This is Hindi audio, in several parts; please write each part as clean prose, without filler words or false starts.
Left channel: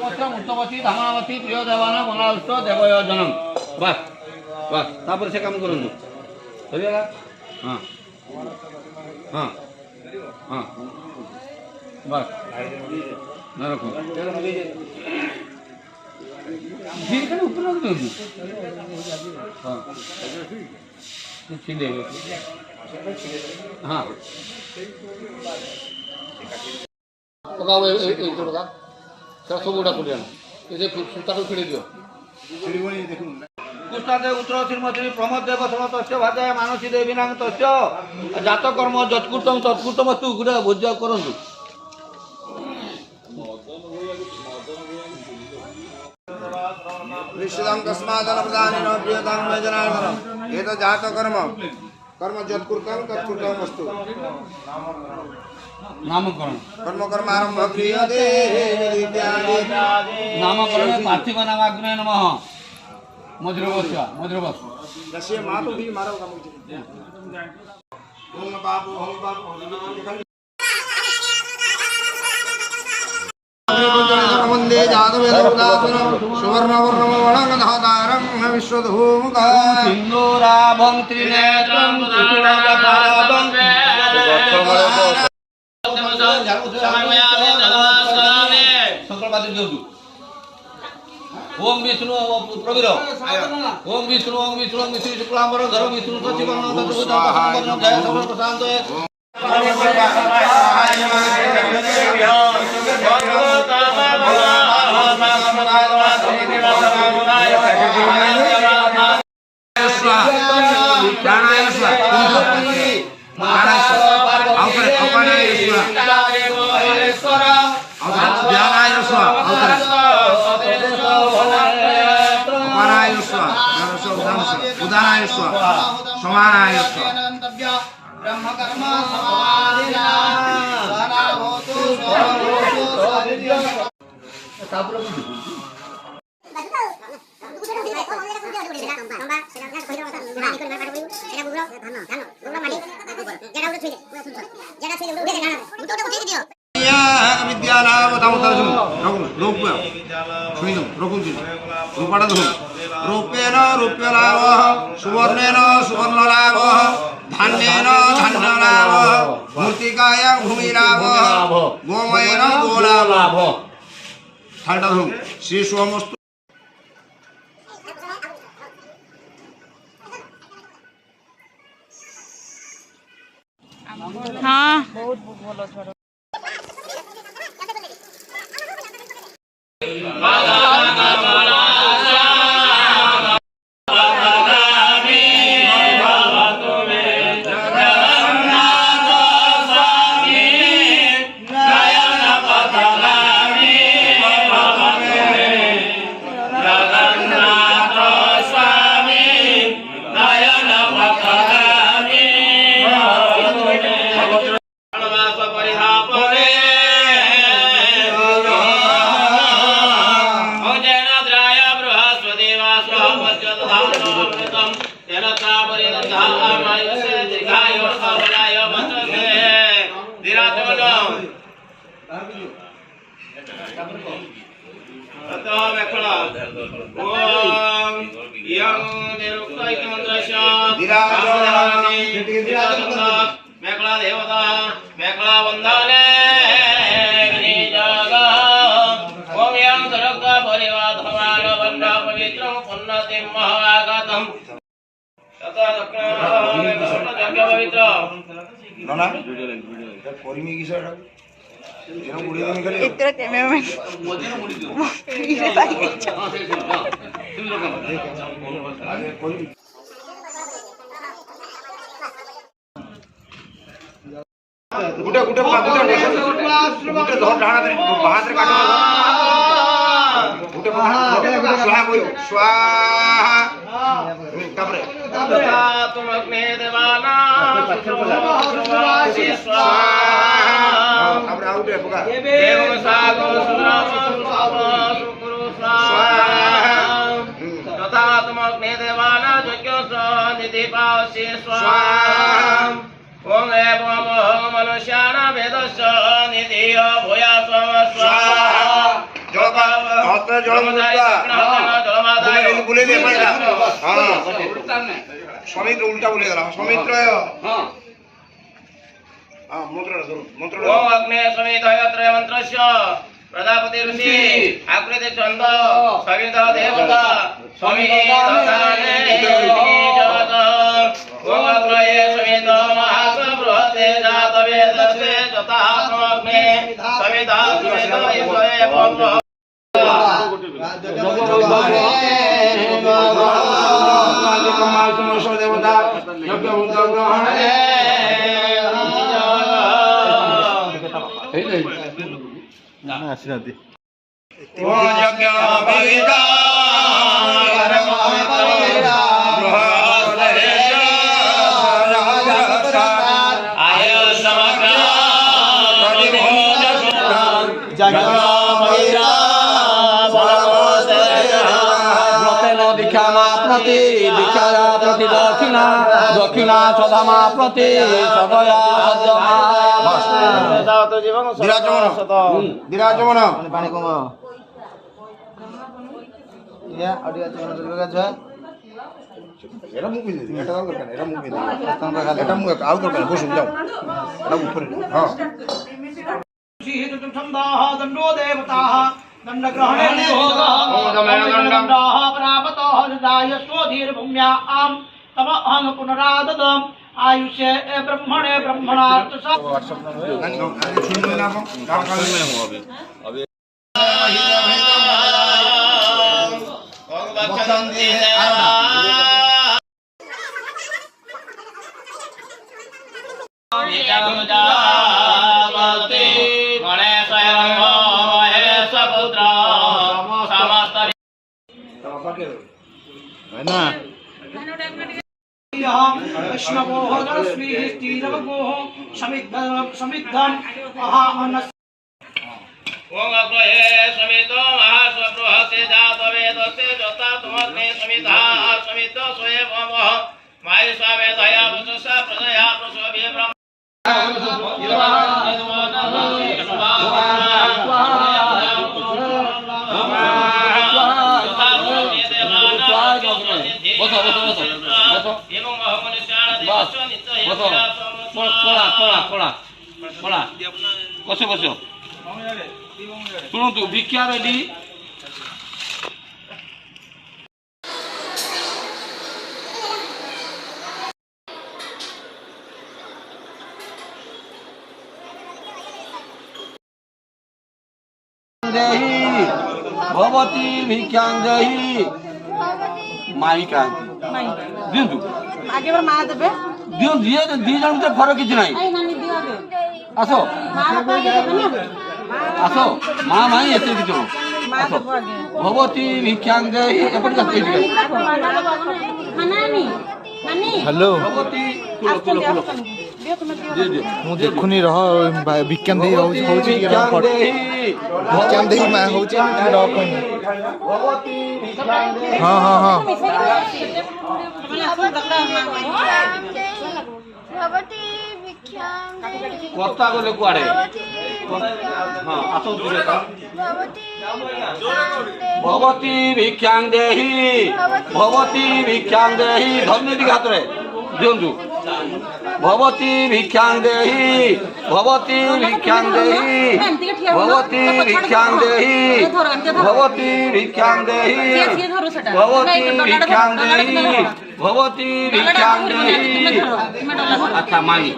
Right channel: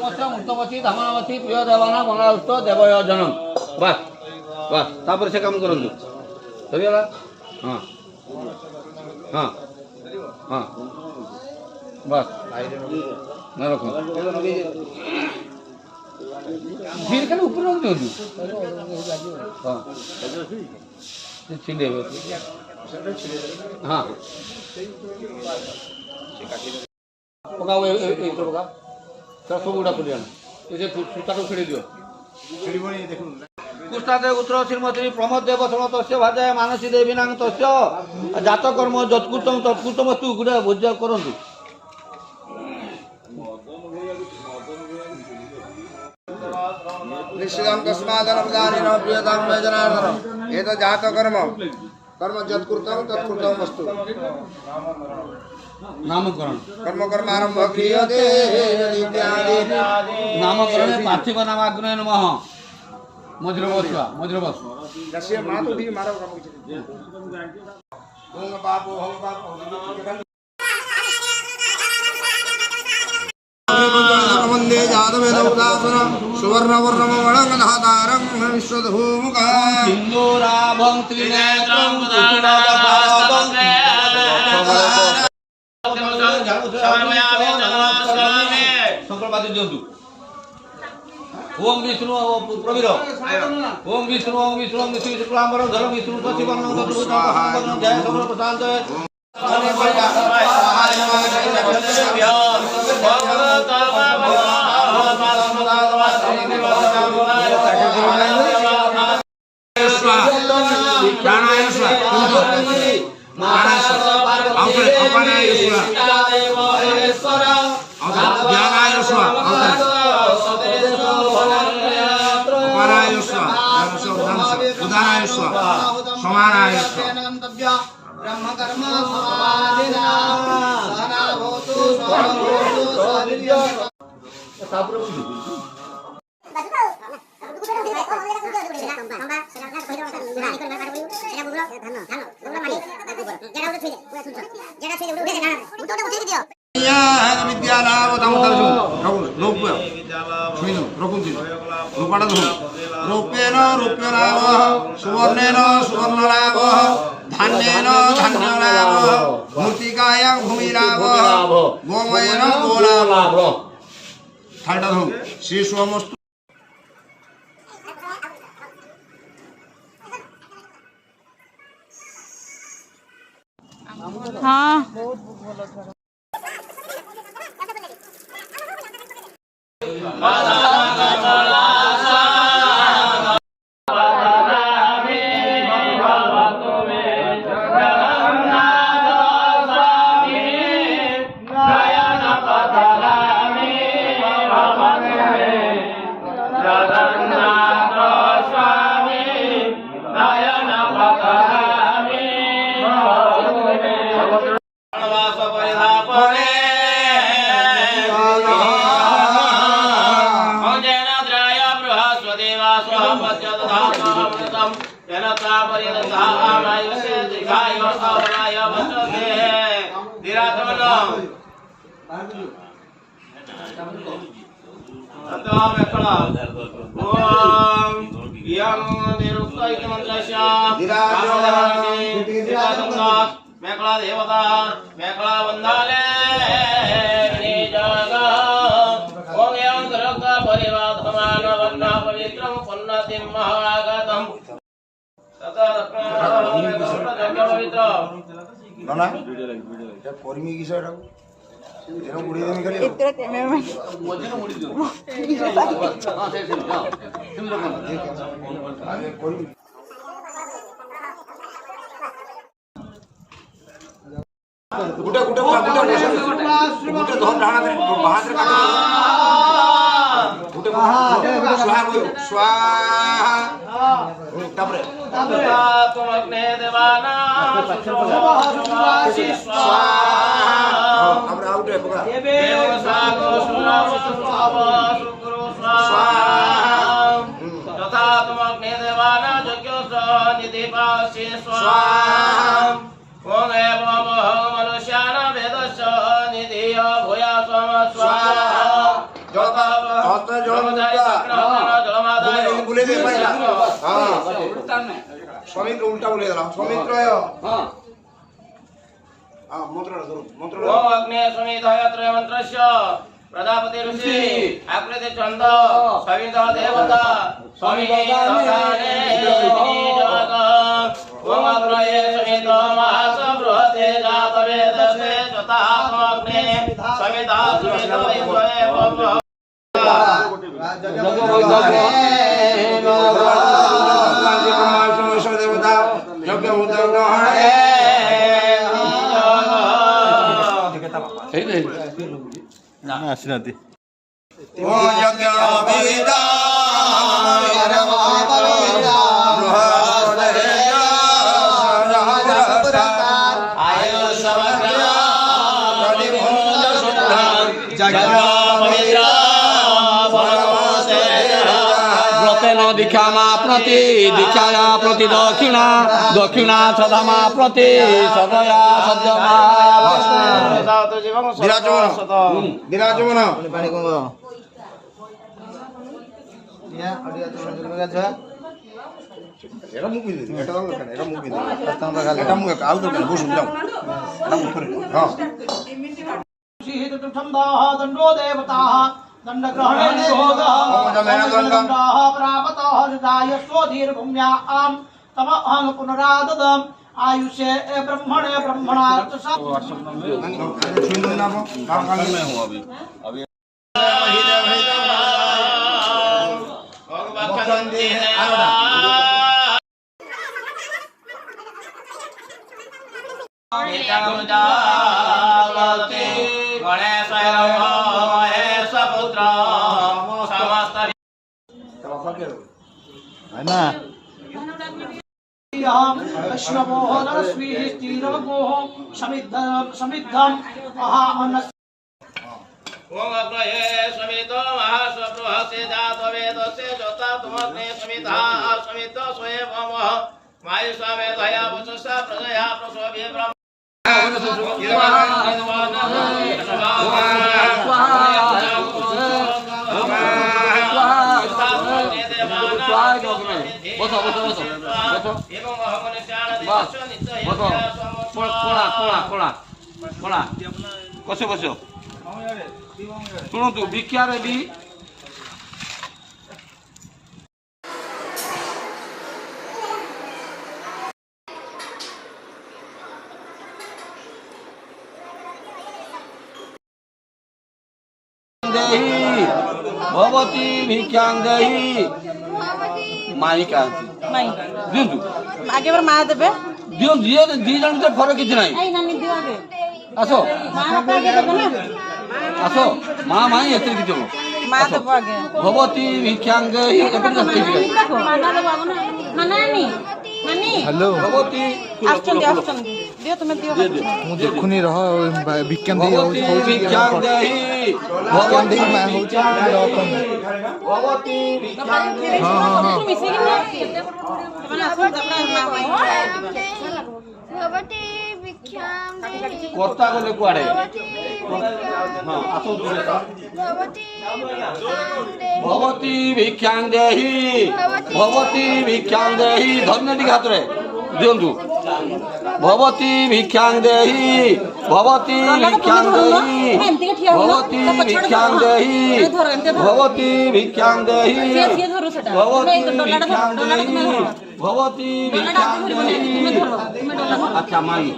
मूर्तवती धामावती प्रिय देवाना मंगलाष्ट देवय जनम बस बस तापर से काम करंतु सरीगला हां हां हां बस ना रखो फिर कने ऊपर रख दो हां छिंदे हां पकाओ ए तो पका सब गुड़ा कर देना इसे सूता को छिड़ी दियो कुष्ठादेव पुत्र श्रीमती प्रमोद देव समतस्य भादे मानसी देवी नाम तस्य जात कर्म जत्कृतम तत्कृतमस्तु गुड़ा भोज्य करंतु निश्चितं कस्मादन प्रदानेन प्रियतां वैजनार्दन एतत् जात कर्म कर्म जत्कृतं तत्कृतमस्तु नामकरण कर्म कर्मारंभ क्रियते नामकरणे पार्थिव नामाग्नय नमः मज्रवस्वा दस्य मातु भी मारो काम किछ ओम बापो हम बापो वंदे जातवेदोदासनं सुवर्णवर्णमणगधातारं विश्वधूमुखा सिंदूराभं त्रिनेत्रं सुचिनादपादं संकल्पादि जोडू ओम विष्णु कबीर ओम विष्णु शुक्लांबर धर विष्णु सचिवर्ण जय सर्व प्रशांत ब्रह्म कर्म समाधिना सदा होतु स्वादिव्य रूपेण रूप्यलाभ सुवर्णेन सुवर्णलाभ धान्येन धान्यलाभ मूर्तिकायां भूमिलाभ गोमयेन गोलाभ ठाडा श्री सोमस्तु हाँ मेखला देवता मेखला वंदने ओम यं सरक परिवाधमान वन्न पवित्रं पुन्नतिं महागातम् तथा दक्षिण पवित्र नना कोरिमी किसरा एनो मुड़ी देनी खाली इतना कैमरामैन मेरे साथ आगे कोई गुटे गुटे गुटे गुटे धर ढाणा दे बाहर से काट गुटे स्वाहा बोल स्वाहा तापरे तथा तुम अग्ने देवाना स्वाहा तापरे आउटे पका देव सागो सुरो स्वाहा तथा तुम अग्ने देवाना यज्ञ निधि पावसि स्वाहा ओम एवं मनुष्याणां वेदस्य निधि भूया स्वाहा जलपाव হস্তে জলম বলে দে পাইলা হ্যাঁ সমিত্র উল্টা বলে গেলাম সমিত্র হ্যাঁ মন্ত্রটা ধরুন মন্ত্রটা ওম অগ্নে সমিতয়ত্র মন্ত্রস্য প্রজাপতি ঋষি আকৃতি চন্দ সবিত দেবতা সমিতি দশানে জগত ওম অগ্রয়ে সমিত মহাস বৃহতে জাত বেদসে যথাত্মগ্নে সমিতা সমিত ইন্দ্রয়ে বব্র দেবতা যজ্ঞ উদ্যোগ দীক্ষানা প্রতি দক্ষিণা দক্ষিণা সদামা প্রতি সদয়া সদ্যমা বিরাজমান বিরাজমান এটা মুখ দিয়ে দিই এটা দরকার এটা মুখ দিয়ে দিই এটা মুখ আল দরকার বসুন যাও এটা মুখ করে হ্যাঁ दंडो देवता दंड ग्रहण प्रापत स्वधीर भूम्या आम तम अहं पुनराददम आयुष्य ब्रह्मणे ब्रह्मणार्थ वैष्णवो नरस्वी तीरवगो समिद्धम अहामनस ओम अग्रये समितो महासप्रहसे जात वेदसे जोता तुमग्ने समिता समितो स्वयं मायु स्वामे दया वचसा प्रदया प्रसोभे ब्रह्म বসো বসো শুনতু ভিক্ষা রেডি देहि भवती भिक्षां देहि माई का दिंतु आगे बार माँ देबे दियो दियो दी जन तो फरक किछ नाही आई नानी दियो आगे आसो माँ को आगे देबे ना आसो माँ माई एते किछ माँ देबो आगे भवती भिक्षां देहि एपट का एटी माना देबो ना नानी नानी हेलो भवती दियो तुम्हें दियो दियो ମୁଁ ଦେଖୁନି ରହ ବିଜ୍ଞାନ ଦେଇ ହଉଛି भिक्षां देहि ବିଜ୍ଞାନ ଦେଇ ମା ହଉଛି ରହ କହି भवती भिक्षां देहि ହଁ ହଁ ହଁ भवती भिक्षां देहि कोता गले कुआडे भवती हां आसो दिले भवती भिक्षां देहि भवती भिक्षां देहि धन्य दिघात रे दियंतु भवती भिक्षां देहि भवती भिक्षां देहि भवती भिक्षां देहि भवती भिक्षां देहि भवती भिक्षां देहि भवती भिक्षां देहि अच्छा माई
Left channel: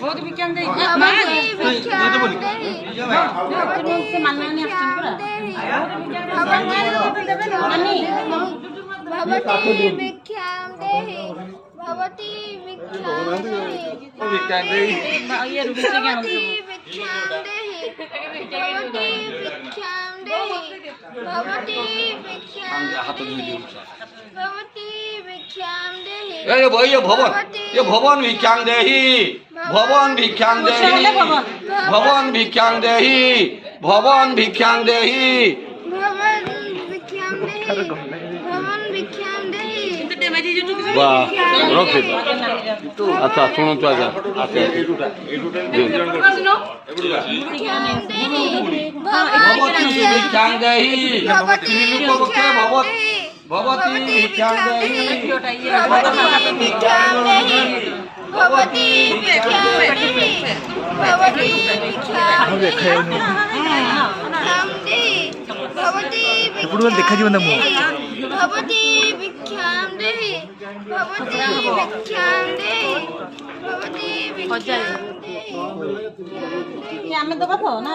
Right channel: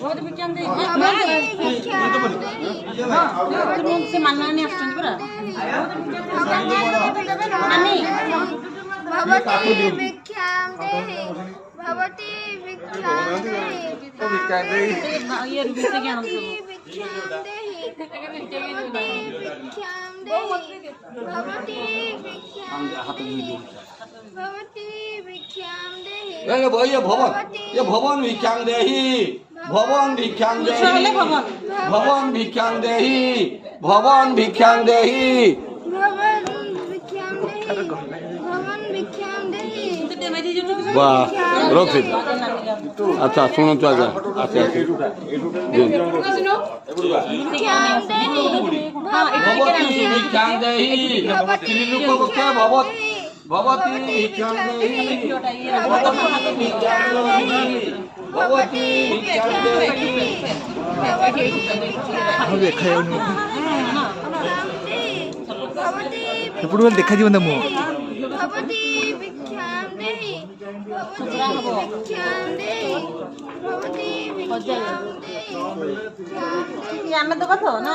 बहुत भिक्षां दे भवती भिक्षां देहि से मानने नहीं आछिन पूरा नानी भवती भिक्षां देहि भवती भिक्षां देहि भिक्षां देहि ये रुपये के हम भवती भिक्षां देहि भवती भिक्षां देहि भवती भिक्षां हाथ दिले भवती भिक्षां देहि ये भवन भिक्षां देहि भवन भिक्षां देहि भवन भिक्षां देहि भवन भिक्षां देहि भवन भिक्षां देहि भवन भिक्षां देहि तो डेमेज जो वाह रखिद अच्छा शुणु आज्ञा भगवती भिक्षां देहि भगवती भिक्षां देहि भगवती भिक्षां देहि भगवती भिक्षां देहि भगवती ఎప్పుడు ଦେଖାଯିବ ନା ମୁଁ भगवती भिक्षां देहि भगवती भिक्षां देहि भगवती भिक्षां देहि ଆମେ ଦେବା ତ ନା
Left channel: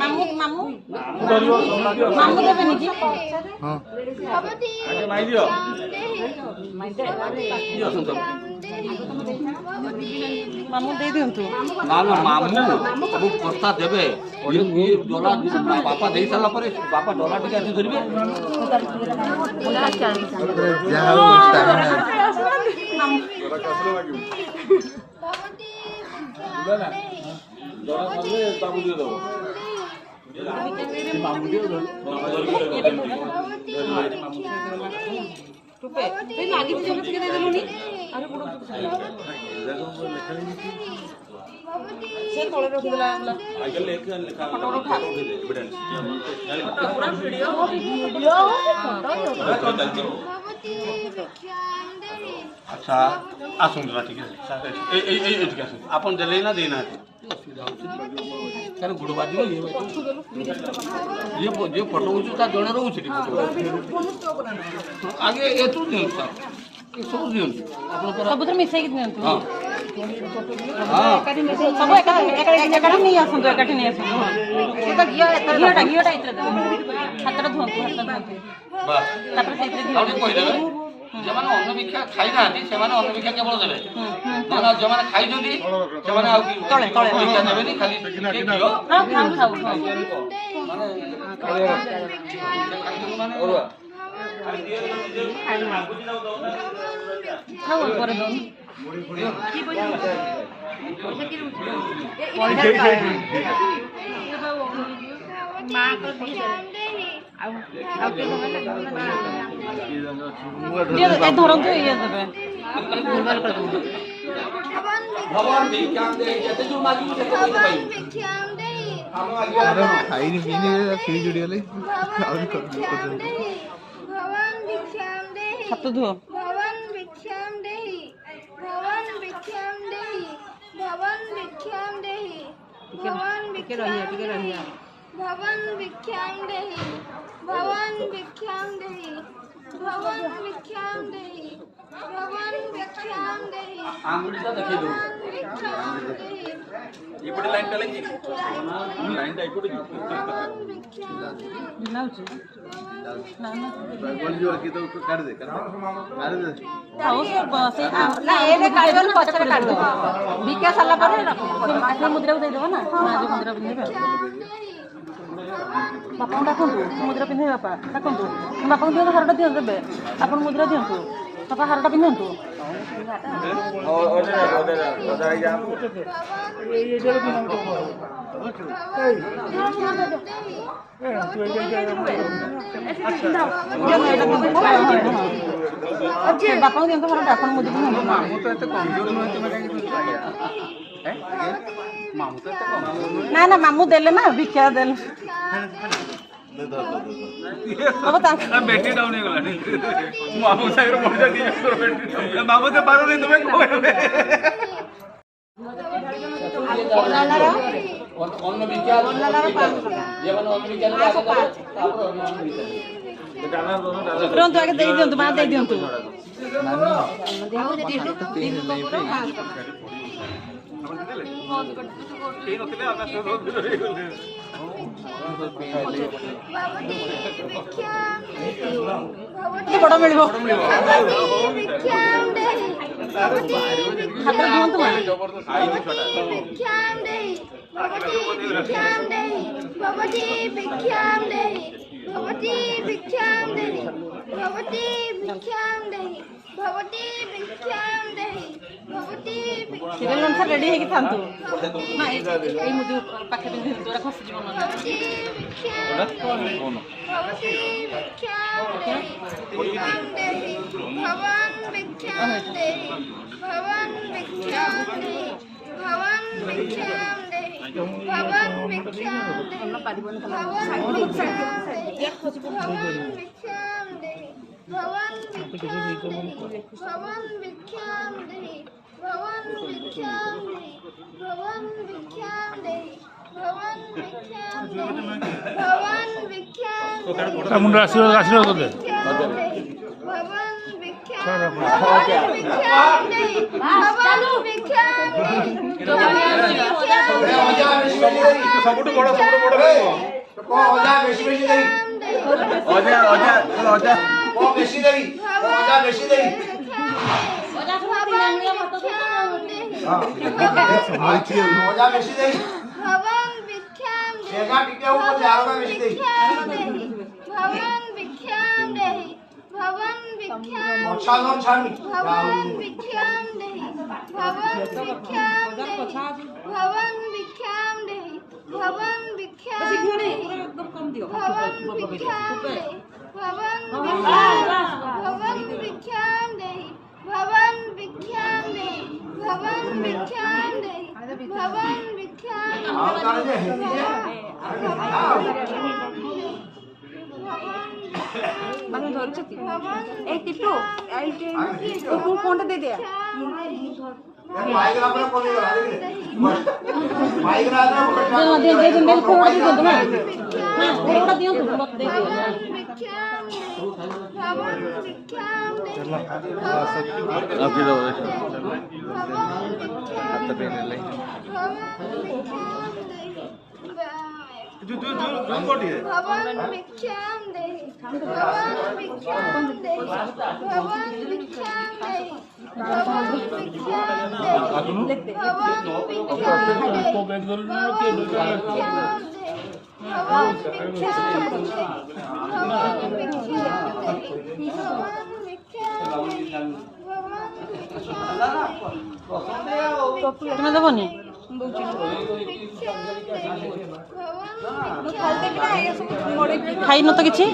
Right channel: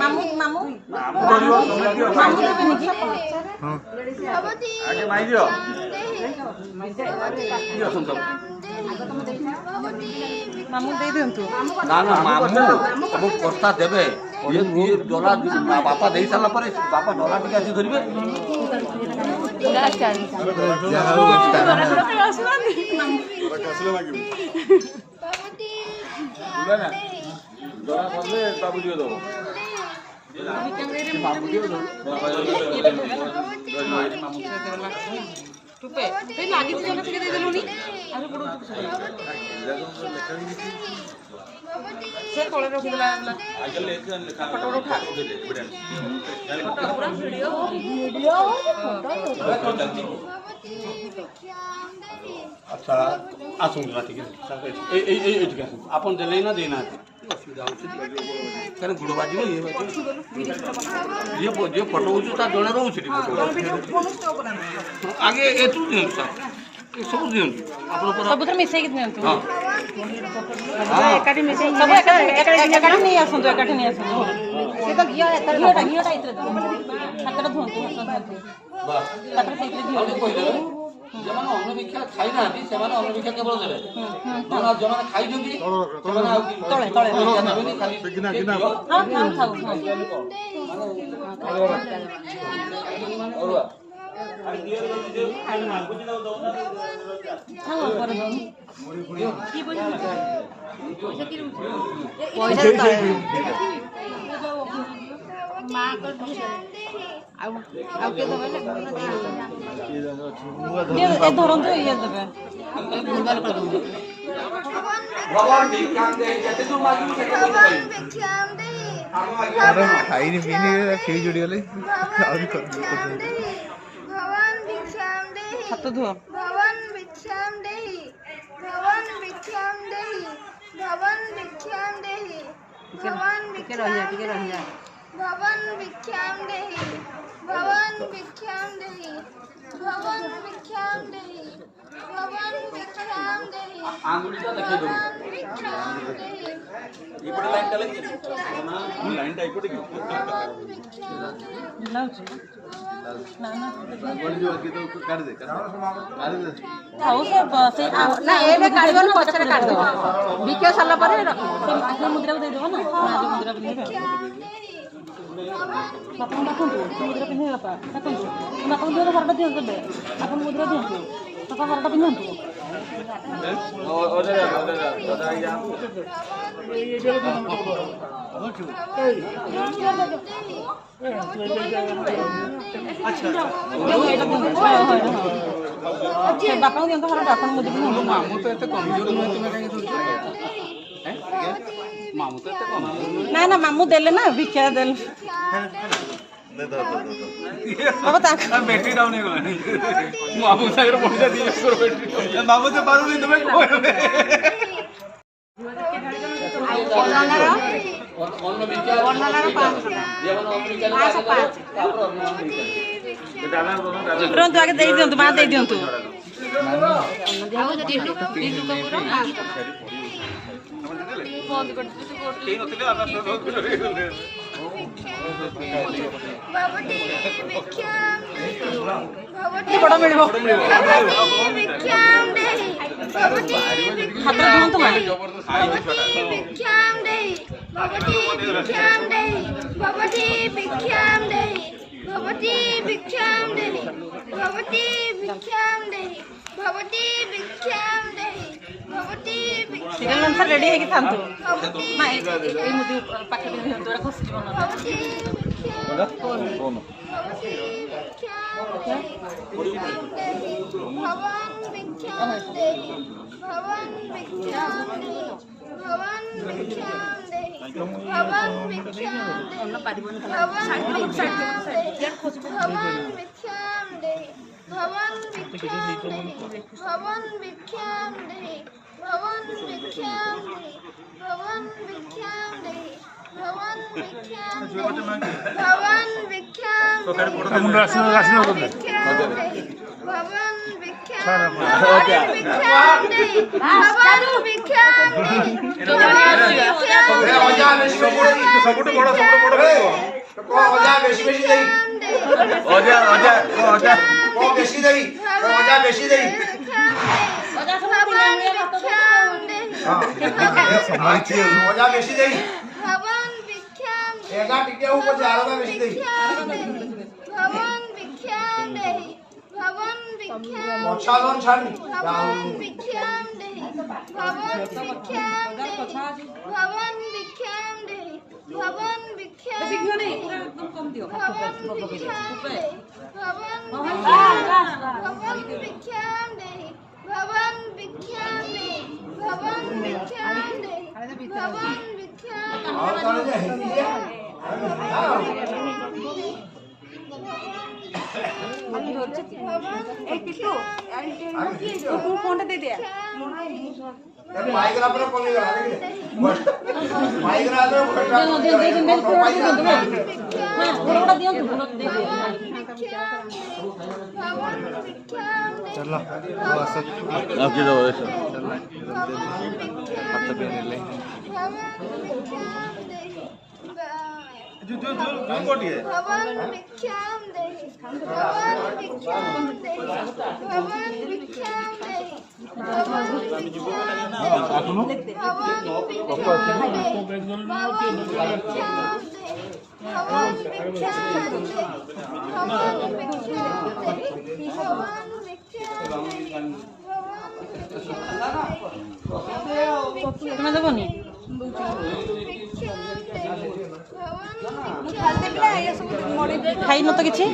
ମାମୁ ମାମୁ ମାମୁ ଦେବେନି କି ହଁ भगवती भिक्षां देहि भगवती भिक्षां देहि भगवती ମାମୁ ଦେଇ ଦିଅନ୍ତୁ ना ना मामू सब कथा देवे ये डला बापा दे सारा पर बापा डला टिके आसी धरबे ଯାହା ହଉ ଷ୍ଟାମିନା भगवती ସେ ତଳେ ରଖିଦେଲା अच्छा आसुन ठीक है आपन देले ना देना असुविधा होची कारण गुड़ बाजी ये फोटो होची ता जण रहउची फोटो आगे एतु दिन सर ये सब दिन आपन पर ସବୁଥିରେ ମିଶେଇକି ଦିଅନ୍ତୁ हां ଏକାଠି ମିଶେଇକି ସବୁ ଏକାଠି ନେଇ ଆସନ୍ତୁ ଏକାଠି ନେଇ ଆସନ୍ତୁ ସେ ତ ଘିଅଟା ଏଥିରେ ଦେବେ ହାତଟା ଧୁଅନ୍ତୁ ହାତ ଧୁଅନ୍ତୁ ବାସ୍ ତାପରେ ସେଇଥିରେ ଘିଅ ଆଉ ଟିକେ କହି ଦେବେ যেমানে অন্ন ভিক্ষা খাই নাহাନ୍ତି ସେମାନେ অন্ন ଭିକ୍ଷା କେବଳ ଦେବେ ନହେଲେ ଆଉ ଯେଉଁମାନେ ଖାଇଛନ୍ତି ସେମାନେ ଆଉ ତଳେ ତଳେ ଭିକ୍ଷା ନେବେନି ଖାଲି ଟିକେ ଘିଅ ହଁ ଖାଉ ଖାଉ ହଁ ଖାଉ ପରେ ଦଉନି ଧରନ୍ତୁ ଇଏ ଦେବେ ଭଗବାନ ଭିକ୍ଷା ଦେଇ ଯେତେ ଯୋଉ ମାଗିବୁ ସେତେ ପଇସା ପାଇବୁ भिक्षां देहि ଖାଇନି ପିଇନି ଖେଳି ଯୋଡ଼ି ଗଲେ ଆହୁରି भगवान भिक्षां देहि ହାତ ଧୁଅ भगवान भिक्षां देहि भगवान भिक्षां देहि भगवान भिक्षां देहि भगवान भिक्षां देहि भगवान भिक्षां देहि भगवान भिक्षां देहि भगवान भिक्षां देहि भगवान भिक्षां देहि आंगुलीटा देखै दो भगवान भिक्षां देहि ଏପଟେ ଲାଇନ୍ ଟା ଲାଗି ଲାଇନ୍ ଟା ଏପଟେ भगवान भिक्षां देहि ଲାଗୁଛି କାଢି ଦେ ଆଉ ସେ ନା ଏବେ କାଢିବନି ପଛରେ କାଢିଦବ ଭିକ୍ଷା ସାରିଲା ପରେ ରଖିବ ମୁଦ୍ରାକୁ ଦେଇଦେବ ନା ମୁଦ୍ରା ପିନ୍ଧିବେ ବାପାଙ୍କୁ ଡାକନ୍ତୁ ମୁଦ୍ରା ପିନ୍ଧିବେ ବାପା ଡାକନ୍ତୁ ବାପାଙ୍କୁ ଦିଅନ୍ତୁ ହାରଟା ଦିଅନ୍ତୁ ଦେବେ ଆପଣ ମୁଦ୍ରା ଦିଅନ୍ତୁ ବାପା ହାରଟା ପିନ୍ଧନ୍ତୁ ବାପାଙ୍କୁ ଦିଅନ୍ତୁ ହାରଟା ଆପଣ ମୁଦ୍ରା ପିନ୍ଧନ୍ତୁ ନା ନା ମାମୁଁ ଦେଲେ ନା ଭିକ୍ଷା ଦେଲେ ବାବା ତାଙ୍କ बैटरी डाउन हो गलानी मामू सागर पहुंचा दिए बैटरी मामू तो पारो नहीं तुम्हें कोई অন্ন ভিক্ষা যেমন অন্ন ভিক্ষা ତୁରନ୍ତୁ ଆଗେ ଦେଇ ଦିଅନ୍ତୁ ମା ଦେଇ ଦିଅନ୍ତୁ भगवती भिक्षां देहि ବଡ଼ ମିଳିବ भिक्षां देहि भगवती ହାତରେ ଦିଅନ୍ତୁ ମା भिक्षां देहि भगवती भिक्षां देहि भगवती भिक्षां देहि भगवती भिक्षां देहि भगवती भिक्षां देहि भगवती भिक्षां देहि भगवती भिक्षां ସିରିଏଲ ଅନୁସାରେ ରେଡି ହେଇକି ଥାନ୍ତୁ ନା ଏଇ ମୁଦି ପାଖେ ପିନ୍ଧି ଦିଅନ୍ତୁ ଏଟା ଖସି ଯିବ ନହେଲେ भवती भिक्षां देहि भवान् भिक्षां देहि भवान् भिक्षां देहि भवान् भिक्षां देहि भवान् भिक्षां देहि भवान् भिक्षां देहि भवान् भिक्षां देहि भवान् भिक्षां देहि भवान् भिक्षां देहि भवान् भिक्षां देहि भवान् भिक्षां देहि भवान् भिक्षां भवान् भिक्षां भवान् भिक्षां ସବୁଠୁ ବଡ଼ ଅଜା ବେଶୀ ବେଶୀ ଦେଇ ଅଜା ଅଜା ଅଜା କଣ ବେଶୀ ଦେବି ଅଜା ବେଶୀ ଦେବି ଅଜା ବେଶୀ ଦେଇ भवान् भिक्षां ଏକା ଟିକେ ଉପରେ ଆରବା ବେଶୀ ଦେଇ भवान् भिक्षां देहि भवान् भिक्षां ଛାଲନ ଛାଡି भवान् भिक्षां देहि भवान् भिक्षां देहि भवान् भिक्षां देहि भवान् भिक्षां देहि एकदम कम दियो भवान् भिक्षां देहि भवान् भिक्षां देहि भवान् भिक्षां देहि भवान् भिक्षां देहि भवान् भिक्षां ଆଉ ତାହେଲେ ଯେ ହିନ୍ଦୀ ଯେ ଫୋନଟା ଦେଇ ଦେ ମାଇଗଲା ପରେ କମିଗଲା ଦେଖିଲେ ମାଇଗଲା ପରେ ଫୋନଟା ଦିଅନ୍ତୁ ଫୋନ ଦେଇ ଦେ चलो हाथ पे ले भवान् भिक्षां देहि भवान् भिक्षां देहि भवान् भिक्षां देहि भवान् ତୁମେ ଦେବନି ଖାଇନ ତ କିଛି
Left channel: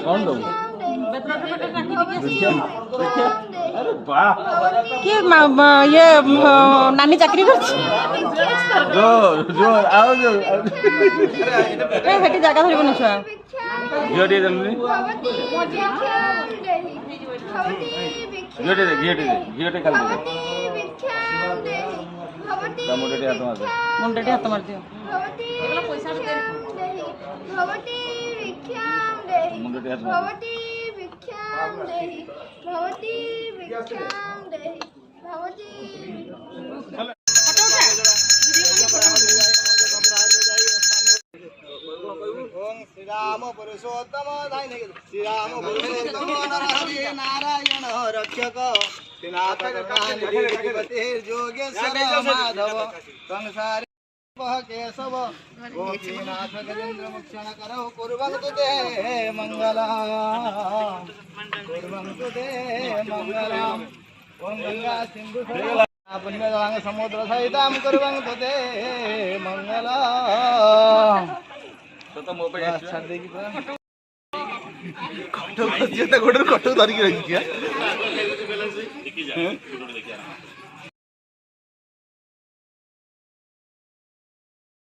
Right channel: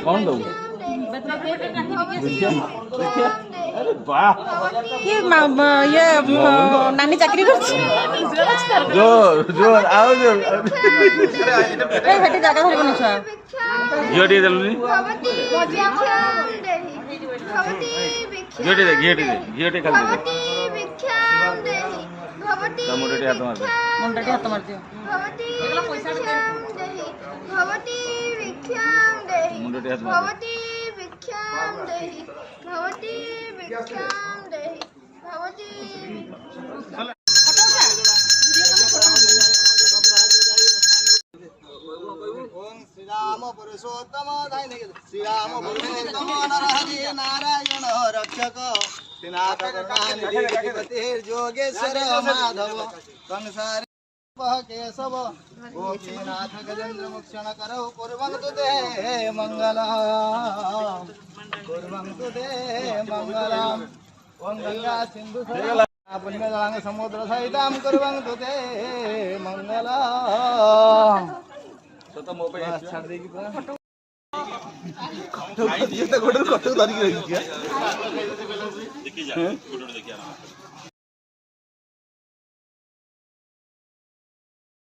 କି ଇଏ ନାନୀ ଚାକିରି କରୁଛି ସେଠି ଜାଗା ଧରିବନି ଛୁଆ ଘିଅ ଟିକେ ଦେଲୁନି ଘିଅ ଟିକେ ଘିଅ ଟିକେ ଘିଅ ଟିକେ ଖାଲି ମୁଣ୍ଡଟେ ହାତ ମାରିଦିଅ श्रीराम पुरुषोत्तम श्रीराम पुरुषोत्तम नरहरि नारायण रक्षक श्रीनाथ करुणानिधि जोगेश्वर माधव संसार केशव गोपीनाथ गजेन्द्र मुक्षण करौ कुर्वन्तु ते मंगलम् कुर्वन्तु ते मंगलम् ओम गंगा सिंधु पुण्यदान समुद्र सहितं कुर्वन्तु ते मंगलम् तो मो पे कटो धरिकी रखी